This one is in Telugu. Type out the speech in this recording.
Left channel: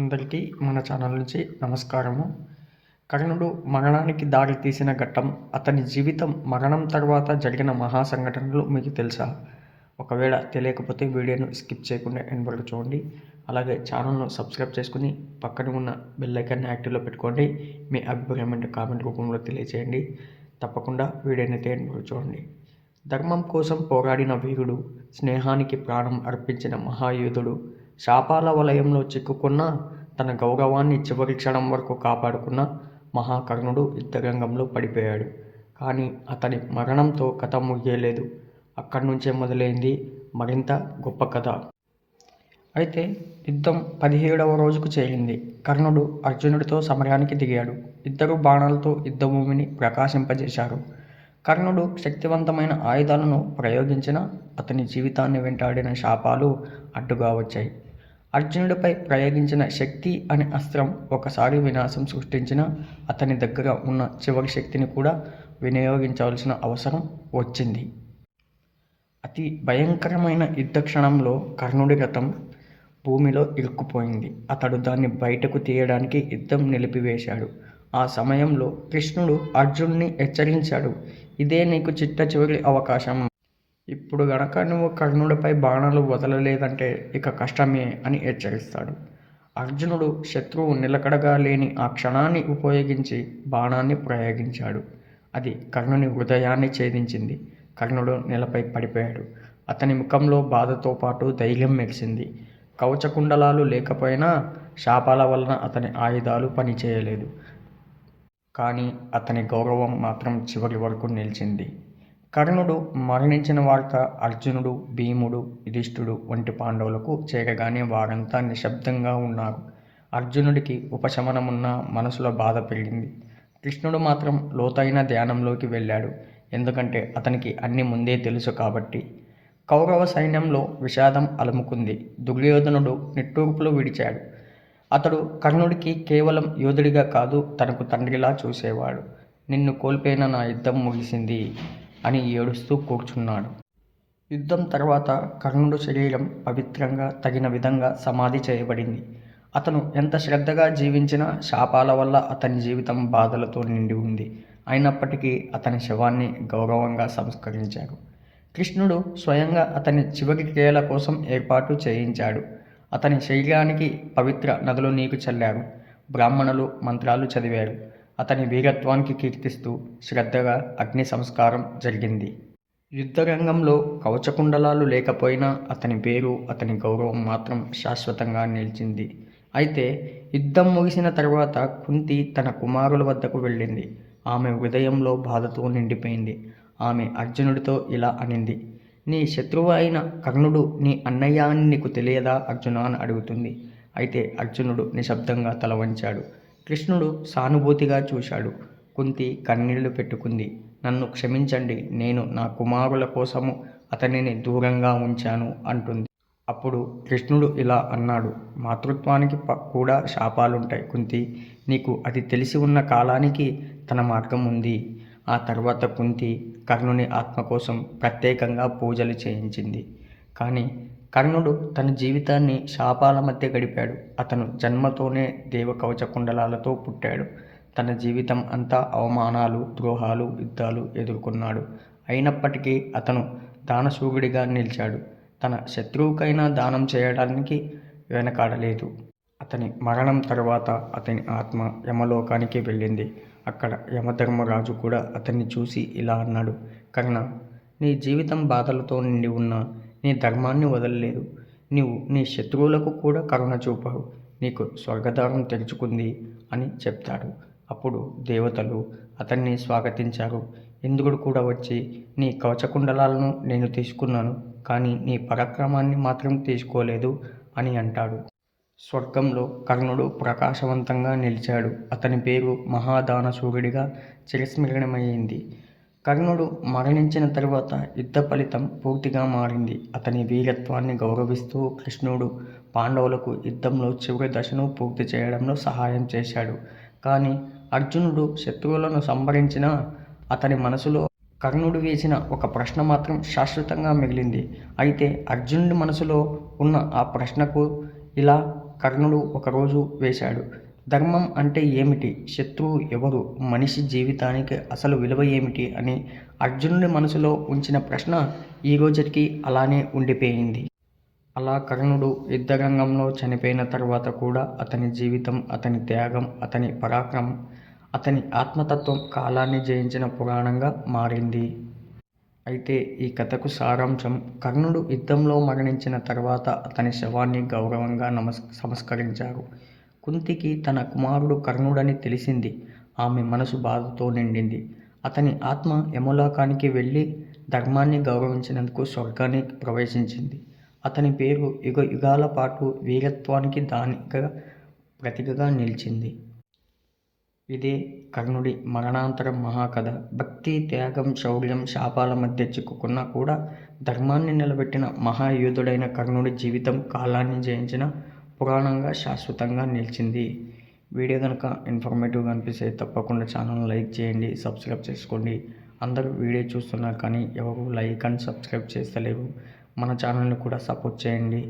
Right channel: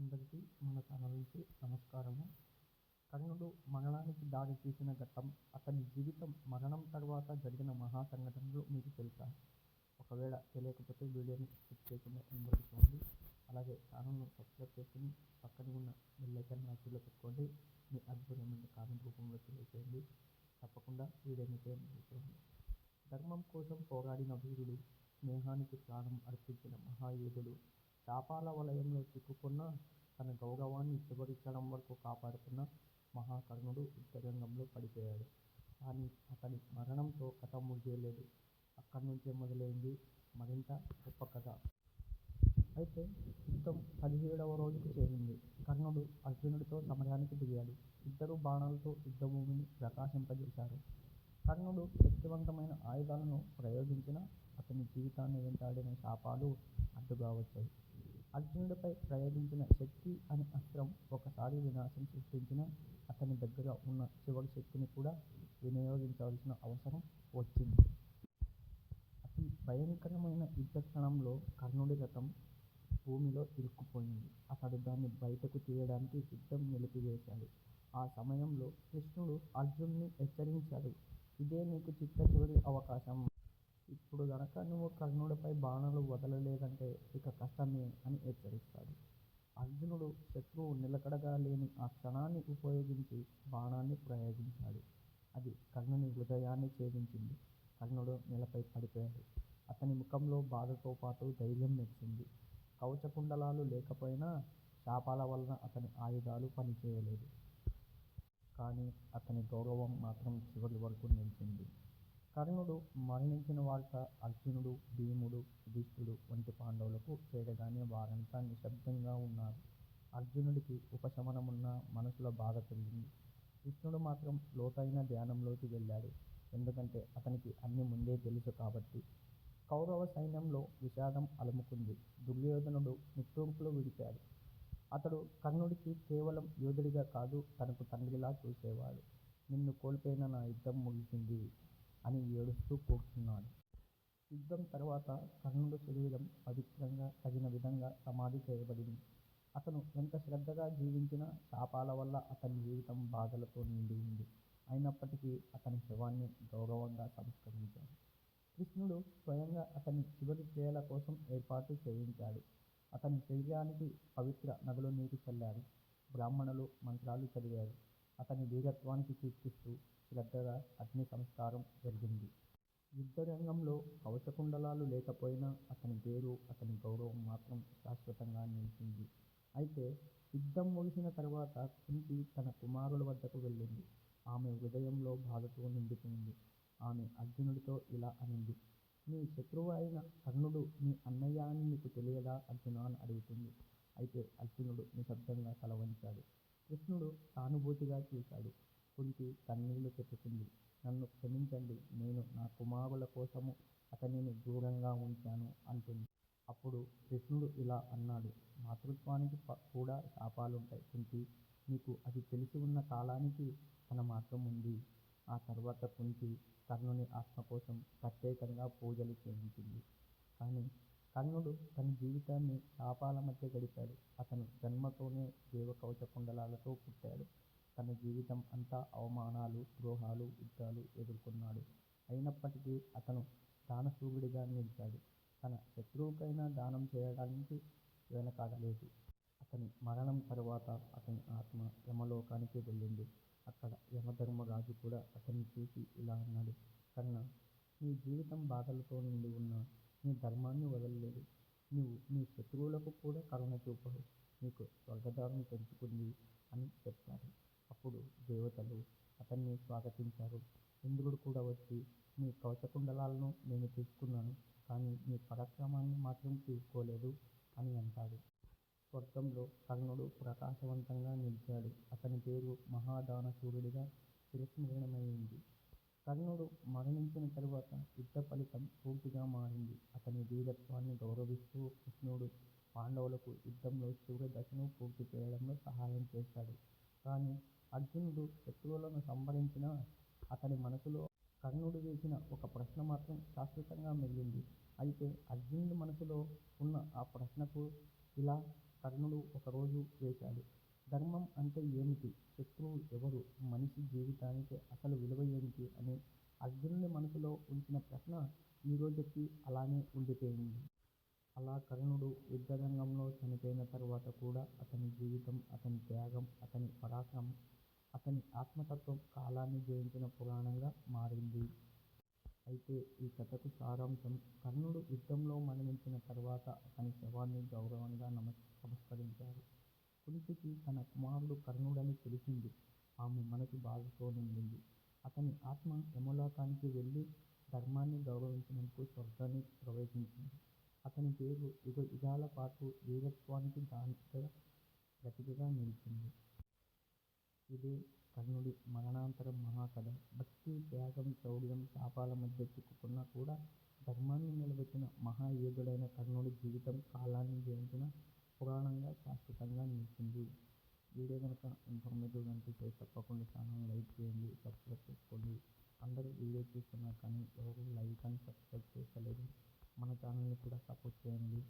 అందరికీ మన ఛానల్ నుంచి నమస్కారము. కర్ణుడు మరణానికి దారి తీసిన ఘట్టం అతని జీవితం మరణం తర్వాత జరిగిన మహా సంఘటనలు మీకు తెలుసా? ఒకవేళ తెలియకపోతే వీడియోను స్కిప్ చేయకుండా ఎండ్ వరకు చూడండి. అలాగే ఛానల్ను సబ్స్క్రైబ్ చేసుకుని పక్కన ఉన్న బెల్ ఐకాన్ని యాక్టివ్లో పెట్టుకోండి. మీ అభిప్రాయం అంటే కామెంట్ రూపంలో తెలియజేయండి తప్పకుండా వీడియోని అయితే ఎండ్ వరకు చూడండి. ధర్మం కోసం పోరాడిన వీరుడు స్నేహానికి ప్రాణం అర్పించిన మహాయోధుడు శాపాల వలయంలో చిక్కుకున్న తన గౌరవాన్ని చివరి క్షణం వరకు కాపాడుకున్న మహాకర్ణుడు యుద్ధరంగంలో పడిపోయాడు. కానీ అతని మరణంతో కథ ముగియలేదు. అక్కడి నుంచే మొదలైంది మరింత గొప్ప కథ. అయితే యుద్ధం పదిహేడవ రోజుకు చేరింది. కర్ణుడు అర్జునుడితో సమరానికి దిగాడు. ఇద్దరు బాణాలతో యుద్ధభూమిని ప్రకాశింపజేశారు. కర్ణుడు శక్తివంతమైన ఆయుధాలను ప్రయోగించిన అతని జీవితాన్ని వెంటాడిన శాపాలు అడ్డుగా వచ్చాయి. అర్జునుడిపై ప్రయోగించిన శక్తి అనే అస్త్రం ఒకసారి వినాశం సృష్టించిన అతని దగ్గర ఉన్న చివరి శక్తిని కూడా వినియోగించవలసిన అవసరం వచ్చింది. అతి భయంకరమైన యుద్ధ క్షణంలో కర్ణుడి రథం భూమిలో ఇరుక్కుపోయింది. అతడు దాన్ని బయటకు తీయడానికి యుద్ధం నిలిపివేశాడు. ఆ సమయంలో కృష్ణుడు అర్జున్ని హెచ్చరించాడు. ఇదే నీకు చిట్ట చివరి అవకాశం. ఇప్పుడు గనక నువ్వు కర్ణుడిపై బాణాలు వదలలేదంటే ఇక కష్టమే అని హెచ్చరిస్తాడు. అర్జునుడు శత్రువు నిలకడగా లేని ఆ క్షణాన్ని ఉపయోగించి బాణాన్ని ప్రయోగించాడు. అది కర్ణుని హృదయాన్ని ఛేదించింది. కర్ణుడు నేలపై పడిపోయాడు. అతని ముఖంలో బాధతో పాటు ధైర్యం మెరిసింది. కవచకుండలాలు లేకపోయినా శాపాల వలన అతని ఆయుధాలు పనిచేయలేదు. కానీ అతని గౌరవం మాత్రం చివరి వరకు నిలిచింది. కర్ణుడు మరణించిన వార్త అర్జునుడు భీముడు యుధిష్ఠుడు వంటి పాండవులకు చేరగానే వారంతా నిశ్శబ్దంగా ఉన్నారు. అర్జునుడికి ఉపశమనమున్న మనసులో బాధ పెరిగింది. కృష్ణుడు మాత్రం లోతైన ధ్యానంలోకి వెళ్ళాడు. ఎందుకంటే అతనికి అన్ని ముందే తెలుసు కాబట్టి. కౌరవ సైన్యంలో విషాదం అలుముకుంది. దుర్యోధనుడు నిట్టూర్పులు విడిచాడు. అతడు కర్ణుడికి కేవలం యోధుడిగా కాదు తనకు తండ్రిలా చూసేవాడు. నిన్ను కోల్పోయిన నా యుద్ధం ముగిసింది. అని ఏడుస్తూ కూర్చున్నాడు. యుద్ధం తర్వాత కర్ణుడు శరీరం పవిత్రంగా తగిన విధంగా సమాధి చేయబడింది. అతను ఎంత శ్రద్ధగా జీవించినా శాపాల వల్ల అతని జీవితం బాధలతో నిండి ఉంది. అయినప్పటికీ అతని శవాన్ని గౌరవంగా సంస్కరించారు కృష్ణుడు స్వయంగా అతని చివరి క్రియల కోసం ఏర్పాటు చేయించాడు. అతని శరీరానికి పవిత్ర నదులు నీకు చల్లారు. బ్రాహ్మణులు మంత్రాలు చదివారు. అతని వీరత్వానికి కీర్తిస్తూ శ్రద్ధగా అగ్ని సంస్కారం జరిగింది. యుద్ధరంగంలో కవచకుండలాలు లేకపోయినా అతని పేరు అతని గౌరవం మాత్రం శాశ్వతంగా నిలిచింది. అయితే యుద్ధం ముగిసిన తర్వాత కుంతి తన కుమారుల వద్దకు వెళ్ళింది. ఆమె హృదయంలో బాధతో నిండిపోయింది. ఆమె అర్జునుడితో ఇలా అనింది నీ శత్రువు అయిన కర్ణుడు నీ అన్నయ్య అని నీకు తెలియదా? అర్జున అని అడుగుతుంది. అయితే అర్జునుడు నిశ్శబ్దంగా తల వంచాడు. కృష్ణుడు సానుభూతిగా చూశాడు. కుంతి కన్నీళ్ళు పెట్టుకుంది. నన్ను క్షమించండి నేను నా కుమారుల కోసము అతనిని దూరంగా ఉంచాను అంటుంది. అప్పుడు కృష్ణుడు ఇలా అన్నాడు. మాతృత్వానికి ప కూడా శాపాలుంటాయి కుంతి. నీకు అది తెలిసి ఉన్న కాలానికి తన మార్గం ఉంది. ఆ తర్వాత కుంతి కర్ణుని ఆత్మ కోసం ప్రత్యేకంగా పూజలు చేయించింది. కానీ కర్ణుడు తన జీవితాన్ని శాపాల మధ్య గడిపాడు. అతను జన్మతోనే దేవకవచ కుండలాలతో పుట్టాడు. తన జీవితం అంతా అవమానాలు ద్రోహాలు యుద్ధాలు ఎదుర్కొన్నాడు. అయినప్పటికీ అతను దానశూరుడిగా నిలిచాడు. తన శత్రువుకైనా దానం చేయడానికి వెనకాడలేదు. అతని మరణం తర్వాత అతని ఆత్మ యమలోకానికి వెళ్ళింది. అక్కడ యమధర్మరాజు కూడా అతన్ని చూసి ఇలా అన్నాడు కర్ణ నీ జీవితం బాధలతో నిండి ఉన్న నీ ధర్మాన్ని వదలలేదు. నీవు నీ శత్రువులకు కూడా కరుణ చూపావు. నీకు స్వర్గద్వారం తెరుచుకుంది అని చెప్తాడు. అప్పుడు దేవతలు అతన్ని స్వాగతించారు. ఇంద్రుడు కూడా వచ్చి నీ కవచకుండలాలను నేను తీసుకున్నాను కానీ నీ పరాక్రమాన్ని మాత్రం తీసుకోలేదు అని అంటాడు. స్వర్గంలో కర్ణుడు ప్రకాశవంతంగా నిలిచాడు. అతని పేరు మహాదాన సూర్యుడిగా చిరస్మరణమైంది కర్ణుడు మరణించిన తరువాత యుద్ధ ఫలితం పూర్తిగా మారింది. అతని వీరత్వాన్ని గౌరవిస్తూ కృష్ణుడు పాండవులకు యుద్ధంలో చివరి దశను పూర్తి చేయడంలో సహాయం చేశాడు. కానీ అర్జునుడు శత్రువులను సంహరించిన అతని మనసులో కర్ణుడు వేసిన ఒక ప్రశ్న మాత్రం శాశ్వతంగా మిగిలింది. అయితే అర్జునుడి మనసులో ఉన్న ఆ ప్రశ్నకు ఇలా కర్ణుడు ఒకరోజు వేశాడు. ధర్మం అంటే ఏమిటి? శత్రువు ఎవరు? మనిషి జీవితానికి అసలు విలువ ఏమిటి? అని అర్జునుడి మనసులో ఉంచిన ప్రశ్న ఈ రోజుకి అలానే ఉండిపోయింది. అలా కర్ణుడు యుద్ధరంగంలో చనిపోయిన తర్వాత కూడా అతని జీవితం అతని త్యాగం అతని పరాక్రమం అతని ఆత్మతత్వం కాలాన్ని జయించిన పురాణంగా మారింది. అయితే ఈ కథకు సారాంశం కర్ణుడు యుద్ధంలో మరణించిన తర్వాత అతని శవాన్ని గౌరవంగా నమస్ సంస్కరించారు. కుంతికి తన కుమారుడు కర్ణుడని తెలిసింది. ఆమె మనసు బాధతో నిండింది. అతని ఆత్మ యమలోకానికి వెళ్ళి ధర్మాన్ని గౌరవించినందుకు స్వర్గాన్ని ప్రవేశించింది. అతని పేరు యుగ యుగాల పాటు వీరత్వానికి దానిగా ప్రతికగా నిలిచింది. ఇదే కర్ణుడి మరణాంతరం మహాకథ. భక్తి త్యాగం శౌర్యం శాపాల మధ్య చిక్కుకున్నా కూడా ధర్మాన్ని నిలబెట్టిన మహాయోధుడైన కర్ణుడి జీవితం కాలాన్ని జయించిన పురాణంగా శాశ్వతంగా నిలిచింది. వీడియో కనుక ఇన్ఫర్మేటివ్గా అనిపిస్తే తప్పకుండా ఛానల్ లైక్ చేయండి సబ్స్క్రైబ్ చేసుకోండి. అందరూ వీడియో చూస్తున్నారు కానీ ఎవరు లైక్ అండ్ సబ్స్క్రైబ్ చేస్తలేరు. మన ఛానల్ని కూడా సపోర్ట్ చేయండి.